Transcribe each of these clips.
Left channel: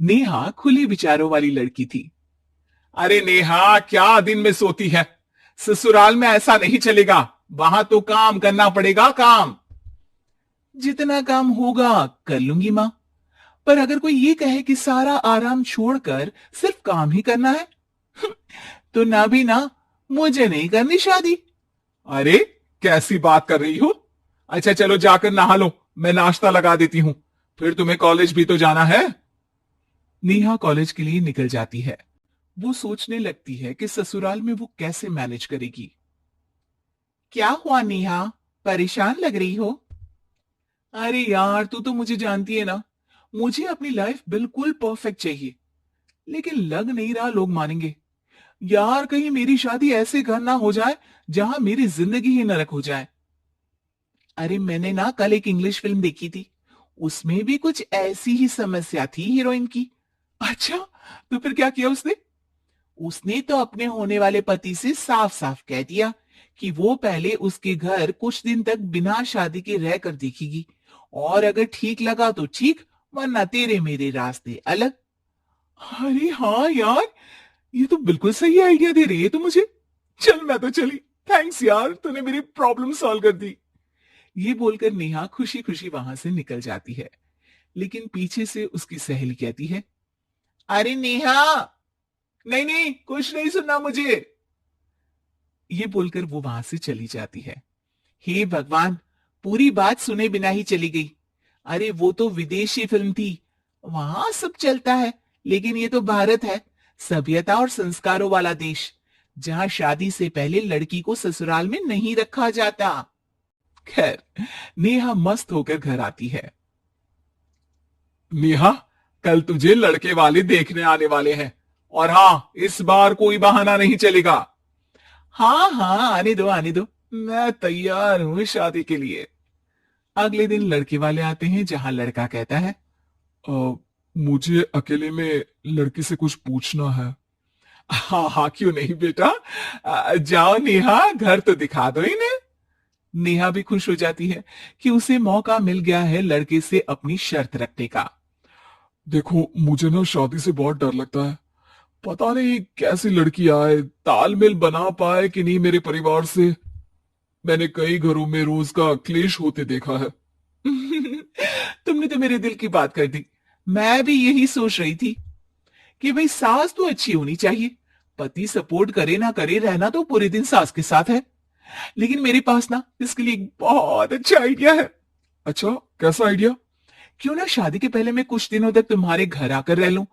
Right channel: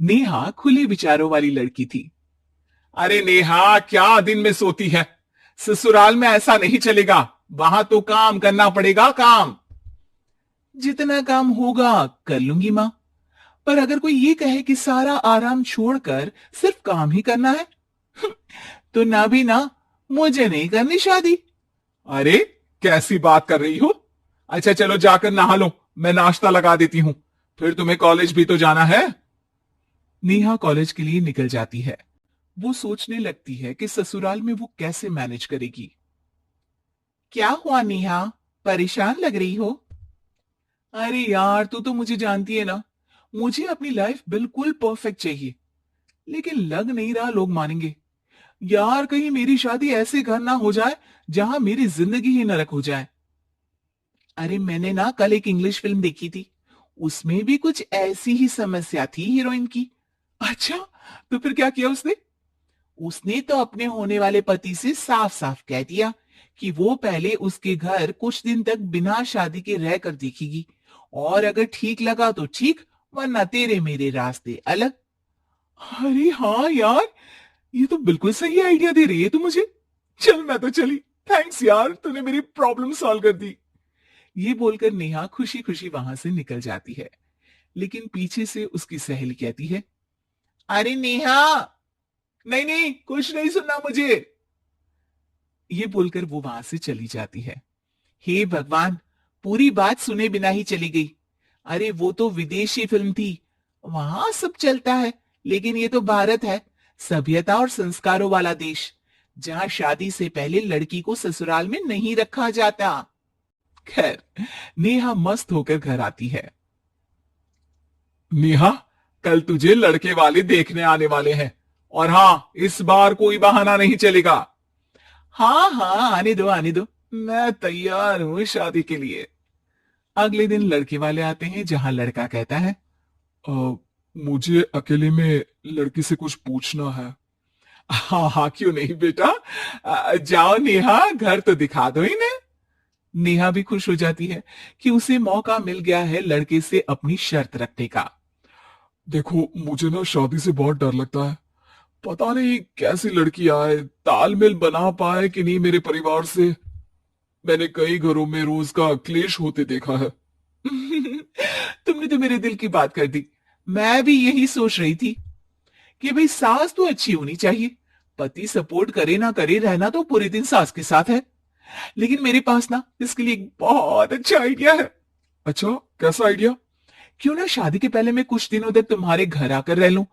नेहा खुले विचारों वाली लड़की थी। अरे नेहा, क्या दिन में सोती है? ससुराल में ऐसा नहीं चलेगा। वहां तो काम करना पड़ेगा, काम। जितना काम होगा कर लूंगी माँ। पर अगर कोई ये कहे कि सारा आराम छोड़कर सिर्फ काम ही करना है, तो ना भी ना, मुझे नहीं करनी शादी। अरे, कैसी बात कर रही हो? अच्छा चलो जाकर नहा लो, मैं नाश्ता लगा देती हूँ। फिर तुम्हें कॉलेज भी तो जाना है। नेहा कॉलेज के लिए निकल जाती है। वो सोचने लगती है कि ससुराल में वो कैसे मैनेज करेगी। क्या हुआ नेहा, परेशान लग रही हो? अरे यार, तू तो मुझे जानती है ना, मुझे अपनी लाइफ बिल्कुल परफेक्ट चाहिए। लेकिन लग नहीं रहा लोग मानेंगे। यार, कहीं मेरी शादी ऐसे घर ना हो जाए जहां मेरी जिंदगी ही नरक हो जाए। अरे मैंने ना कल एक इंग्लिश फिल्म देखी थी, उसमें भी कुछ ऐसी ही समस्या थी हीरोइन की। अच्छा, तो फिर क्या किया उसने? उसने तो अपने होने वाले पति से साफ साफ कह दिया कि वो पहले उसके घर कुछ दिन तक बिना शादी के रहकर देखेगी, और अगर ठीक लगा तो ठीक, वरना तेरे मेरे रास्ते अलग। अरे हाँ यार, ये तो बिल्कुल सही आइडिया दे रही है तू मुझे। चल मैं तो चली। थैंक्स यार, तूने मेरी प्रॉब्लम सॉल्व कर दी। ये बोलकर नेहा खुशी खुशी वहां से निकल जाती है। लेकिन पीछे से उसकी सहेली कहती है, अरे नेहा, नहीं नहीं, कुछ नहीं सुनना मुझे। ये बोलकर वो वहां से चली जाती है। हे भगवान, पूरी बात सुने बिना ही चली गई। अरे वो तो विदेशी फिल्म थी, वहां सब चलता है, लेकिन ये तो भारत है, सभ्यता और संस्कारों वाला देश, जहां शादी से पहले लड़की को ससुराल में नहीं रखा जाता। खैर, नेहा मस्त होकर घर आती है। नेहा, कल तुझे लड़के वाले देखने आने वाले हैं। और हाँ, इस बार कोई बहाना नहीं चलेगा। हाँ हाँ, आने दो आने दो, मैं तैयार हूं शादी के लिए। अगले दिन लड़के वाले आते हैं, जहां लड़का कहता है, "अ, मुझे अकेले में लड़की से कुछ पूछना है।" हाँ हाँ, क्यों नहीं बेटा। जाओ नेहा, घर तो दिखा दो इन्हें। नेहा भी खुश हो जाती है कि उसे मौका मिल गया है लड़के से अपनी शर्त रखने का। देखो, मुझे ना शादी से बहुत डर लगता है। पता नहीं कैसी लड़की आए, तालमेल बना पाए कि नहीं मेरे परिवार से। मैंने कई घरों में रोज का क्लेश होते देखा है। तुमने तो मेरे दिल की बात कर दी। मैं भी यही सोच रही थी कि भाई सास तो अच्छी होनी चाहिए। पति सपोर्ट करे ना करे, रहना तो पूरे दिन सास के साथ है। लेकिन मेरे पास ना इसके लिए एक बहुत अच्छा आइडिया है। अच्छा, कैसा आइडिया? क्यों ना शादी के पहले मैं कुछ दिनों तक तुम्हारे घर आकर रह लूं।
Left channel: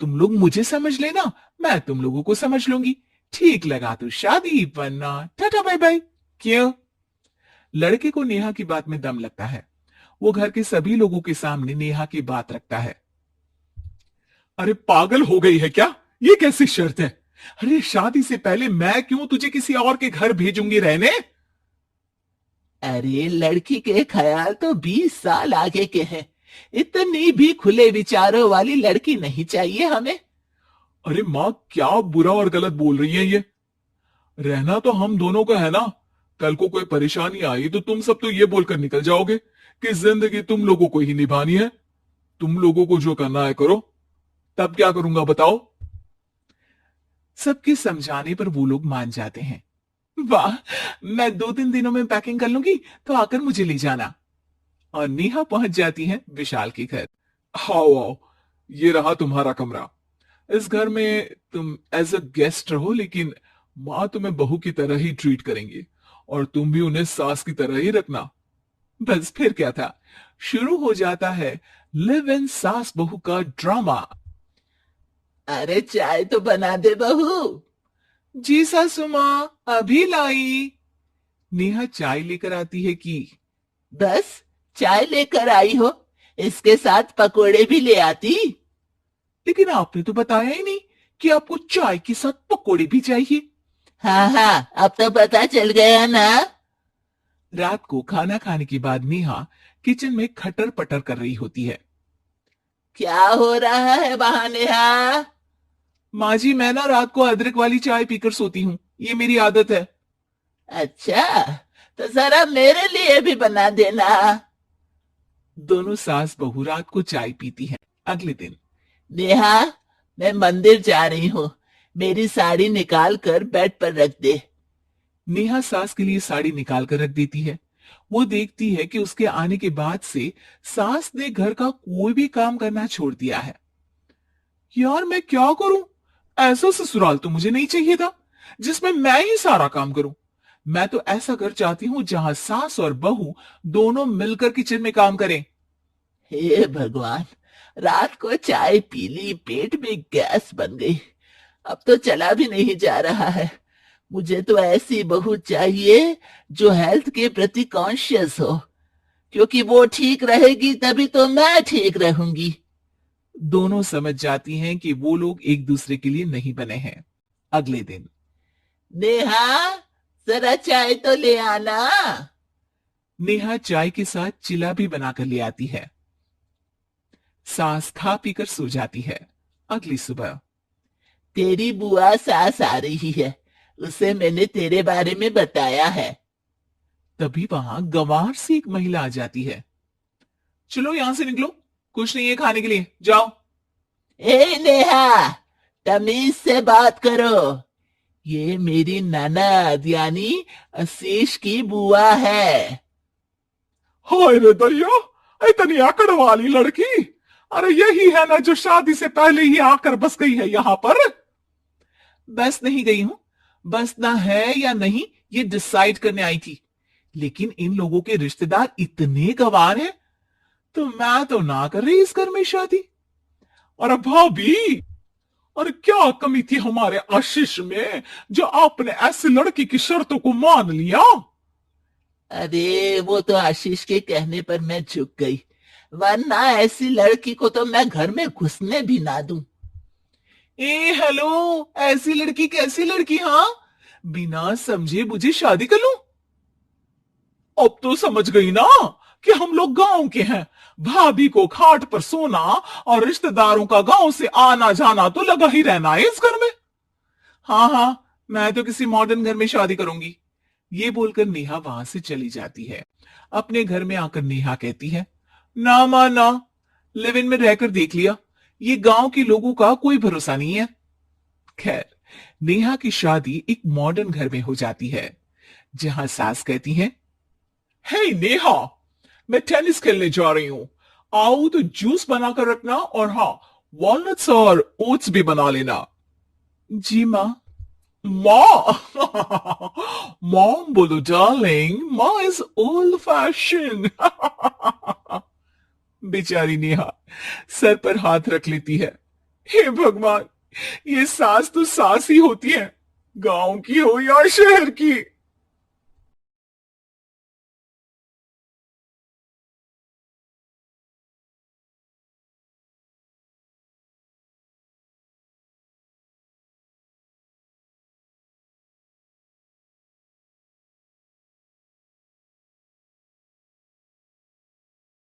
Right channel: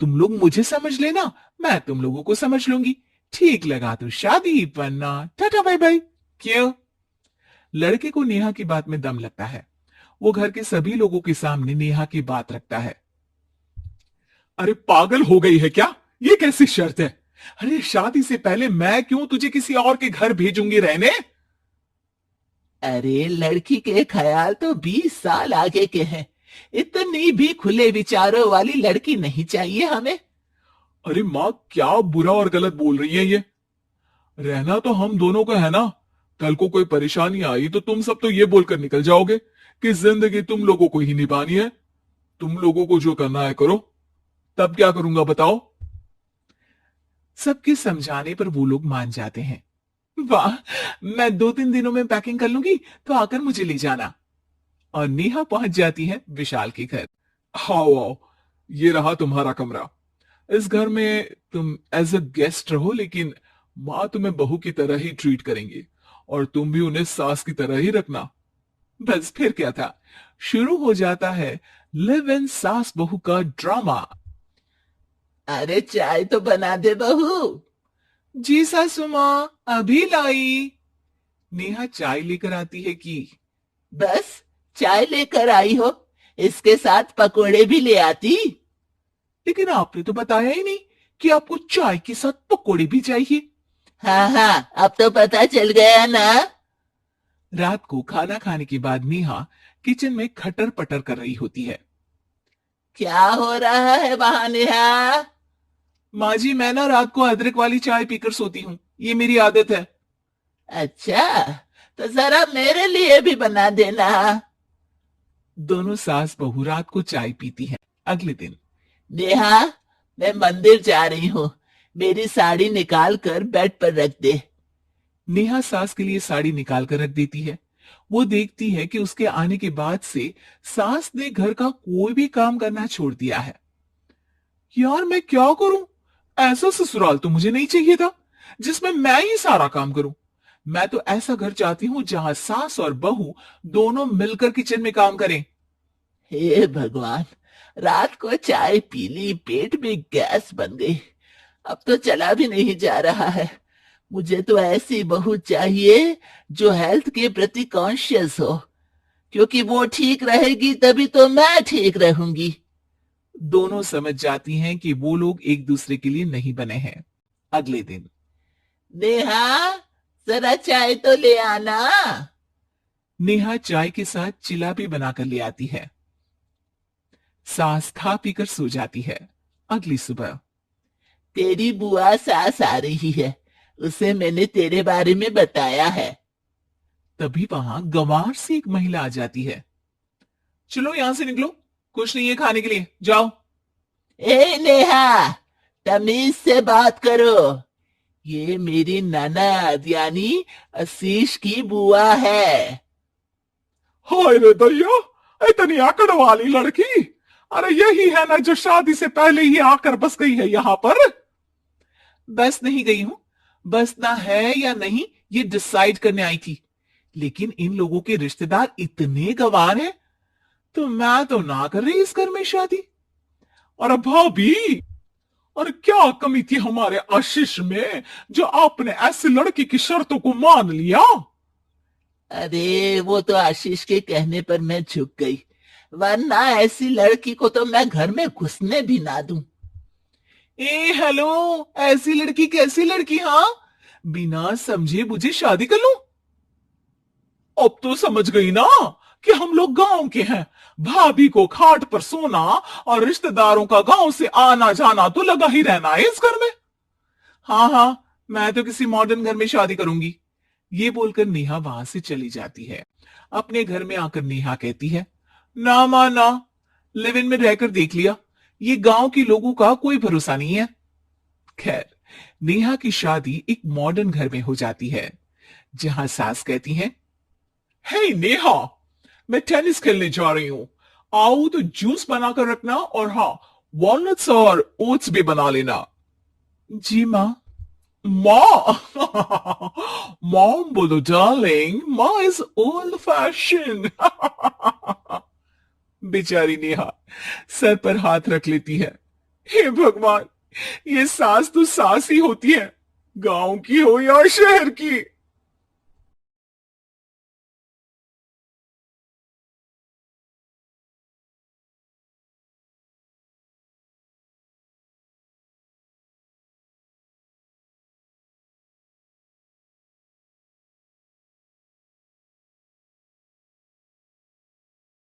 तुम लोग मुझे समझ लेना, मैं तुम लोगों को समझ लूंगी। ठीक लगा तो शादी, वरना टाटा बाय बाय। क्यों? लड़के को नेहा की बात में दम लगता है। वो घर के सभी लोगों के सामने नेहा की बात रखता है। अरे पागल हो गई है क्या? ये कैसी शर्त है? अरे शादी से पहले मैं क्यों तुझे किसी और के घर भेजूंगी रहने? अरे लड़की के ख्याल तो 20 साल आगे के हैं। इतनी भी खुले विचारों वाली लड़की नहीं चाहिए हमें। अरे माँ, क्या बुरा और गलत बोल रही है ये? रहना तो हम दोनों का है ना। कल को कोई परेशानी आई तो तुम सब तो ये बोलकर निकल जाओगे कि जिंदगी तुम लोगों को ही निभानी है। तुम लोगों को जो करना है करो। तब क्या करूंगा बताओ? सबके समझाने पर वो लोग मान जाते हैं। वाह, मैं 2-3 दिनों में पैकिंग कर लूंगी, तो आकर मुझे ले जाना। और नेहा पहुंच जाती है विशाल के घर। आओ आओ, ये रहा तुम्हारा कमरा। इस घर में तुम एज अ गेस्ट रहो, लेकिन माँ तुम्हें बहू की तरह ही ट्रीट करेंगी, और तुम भी उन्हें सास की तरह ही रखना। बस फिर क्या था, शुरू हो जाता है लिव इन सास बहू का ड्रामा। अरे चाय तो बना दे बहू। जी सासू माँ, अभी लाई। नेहा चाय लेकर आती है कि बस चाय लेकर आई हो, इसके साथ पकोड़े भी ले आती। लेकिन आपने तो बताया ही नहीं कि आपको चाय के साथ पकोड़े भी चाहिए। हाँ हाँ, अब तो पता चल गया ना। रात को खाना खाने के बाद नेहा किचन में खटर पटर कर रही होती है। क्या हो रहा है वहां नेहा? माँ जी, मैं ना रात को अदरक वाली चाय पीकर सोती हूँ, ये मेरी आदत है। अच्छा, तो जरा मेरे लिए भी बना देना। दोनों सास बहू रात को चाय पीती हैं। अगले दिन नेहा, मैं मंदिर जा रही हूँ, मेरी साड़ी निकाल कर बेड पर रख दे। नेहा सास के लिए साड़ी निकाल कर रख देती है। वो देखती है कि उसके आने के बाद से सास ने घर का कोई भी काम करना छोड़ दिया है। यार मैं क्या करूं? ऐसा ससुराल तो मुझे नहीं चाहिए था जिसमें मैं ही सारा काम करूं। मैं तो ऐसा घर चाहती हूं जहां सास और बहू दोनों मिलकर किचन में काम करें। हे भगवान, रात को चाय पी ली, पेट में गैस बन गई, अब तो चला भी नहीं जा रहा है। मुझे तो ऐसी बहू चाहिए जो हेल्थ के प्रति कॉन्शियस हो, क्योंकि वो ठीक रहेगी तभी तो मैं ठीक रहूंगी। दोनों समझ जाती हैं कि वो लोग एक दूसरे के लिए नहीं बने हैं। अगले दिन नेहा, जरा चाय तो ले आना। नेहा चाय के साथ चिला भी बनाकर ले आती है। सास खा पीकर सो जाती है। अगली सुबह तेरी बुआ सास आ रही है, उसे मैंने तेरे बारे में बताया है। तभी वहां गंवार से एक महिला आ जाती है। चलो यहां से निकलो, कुछ नहीं है खाने के लिए, जाओ। ए नेहा, तमीज से बात करो, ये मेरी ननद यानी आशीष की बुआ है। हाय रे दैया, इतनी आकड़ वाली लड़की! अरे यही है ना जो शादी से पहले ही आकर बस गई है यहाँ पर। बस नहीं गई हूं, बसना है या नहीं ये डिसाइड करने आई थी। लेकिन इन लोगों के रिश्तेदार इतने गंवार हैं, तो मैं तो ना कर रही इस घर में शादी। और भाभी, और क्या कमी थी हमारे आशीष में जो आपने ऐसी लड़की की शर्तों को मान लिया? अरे वो तो आशीष के कहने पर मैं झुक गई, वरना ऐसी लड़की को तो मैं घर में घुसने भी ना दूं। ए हेलो, ऐसी लड़की कैसी लड़की? हाँ, बिना समझे बुझे शादी कर लूं? अब तो समझ गई ना कि हम लोग गांव के हैं। भाभी को खाट पर सोना और रिश्तेदारों का गांव से आना जाना तो लगा ही रहना है इस घर में। हाँ हाँ, मैं तो किसी मॉडर्न घर में शादी करूंगी। ये बोलकर नेहा वहां से चली जाती है। अपने घर में आकर नेहा कहती है, ना मां ना, लिव इन में रहकर देख लिया, ये गांव के लोगों का कोई भरोसा नहीं है। खैर, नेहा की शादी एक मॉडर्न घर में हो जाती है, जहां सास कहती है, हे नेहा, मैं टेनिस खेलने जा रही हूँ, आओ तो जूस बनाकर रखना, और हाँ, वॉलनट्स और ओट्स भी बना लेना। जी माँ। माँ! मॉम बोलो डार्लिंग, माँ इज ओल्ड फैशन। बेचारी नेहा सर पर हाथ रख लेती है। हे भगवान, ये सास तो सास ही होती है, गांव की हो या शहर की।